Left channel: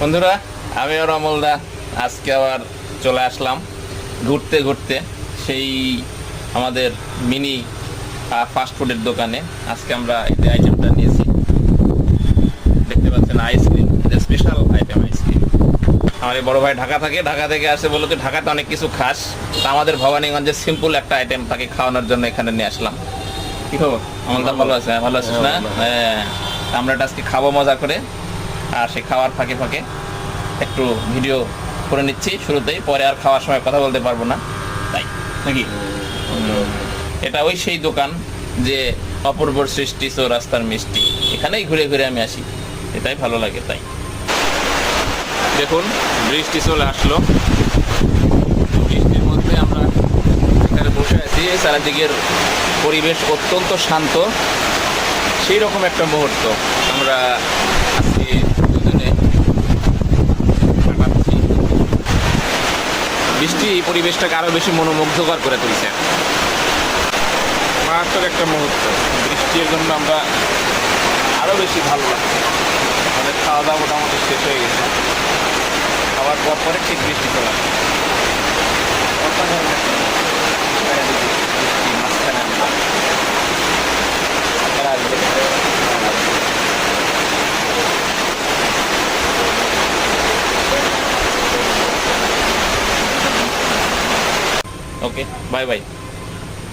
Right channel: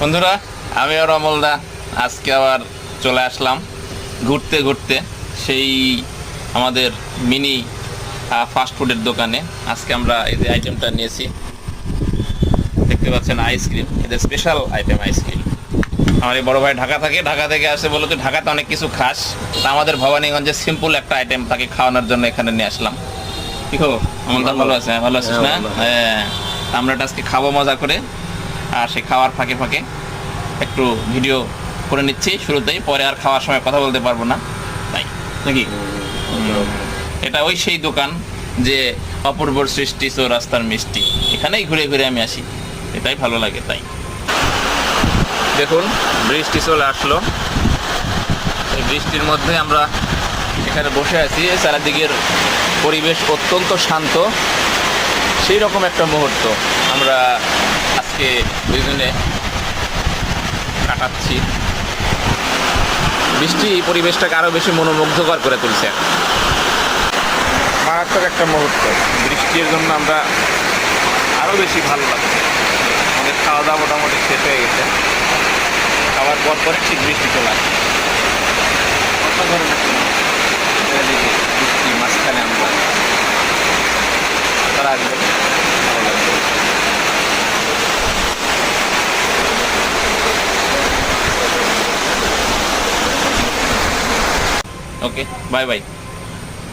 বন্ধুরা, আমি আর অমলদা আজকে আবার চলে আসলাম ঘুরতে ঘুরতে সেই আমাদের মিনি ফাস্টফুডের দোকানে। আজকে আমরা এই যে আইটেমটা নিয়েছি, দেখতে পাচ্ছেন আইসক্রিম, এটা স্পেশাল আইটেম আইসক্রিম। আমার এই বড় ভাই ঢাকা থাকে, ঢাকা থেকে আসে, বলো তো ঢাকাতে অনেক কিছু খাস, তা আমাদের ভবানীগঞ্জে সিম্পল একটা আইটেম তাকে খাওয়ানোর জন্য এখানে নিয়ে আসলাম। কি খবর অমলদা? ভালো আছে? ভালো আছিস না? হ্যাঁ, আমরা আজকে খাবো মজা করে, আর সে খাওয়ার ফাঁকে ফাঁকে একটু ভিডিও করে নিচ্ছি শুরুতেই, পরে আর খাওয়ার সময় কথা বলতে পারবো না, তাই নাকি? এটা ওই সেই দোকান যে অপূর্বর সৃষ্টি চৌরাস্তার মিষ্টি, এখানেই ঘুরে ঘুরে আমি আসি, এটাই ভালো লাগে। তাই দেখুন, বৃষ্টি চলে আসলো, এই বৃষ্টির মধ্যে আমরা এখানে বসে আছি। চারিদিকের পরিবেশ অত্যন্ত শান্ত, সেই রকম একটা মুহূর্ত আমরা আজকে দুজনে কাটাচ্ছি। বৃষ্টি পরিবেশটাকে আরো বেশি মনোমুগ্ধকর করে তুলছে, মারাত্মক একটা মুহূর্ত। বৃষ্টির জন্য আমরা আরো বেশি ভালো লাগছে। আমাদের খাওয়া দাওয়া মোটামুটি শেষ হয়ে গেছে, খাওয়ার পর পরে ঠিক বৃষ্টি চলে আসে। বৃষ্টি মাঝখানে আমরা, আপনারা আসবেন, ভালো লাগবে। ওকে, বাই বাই।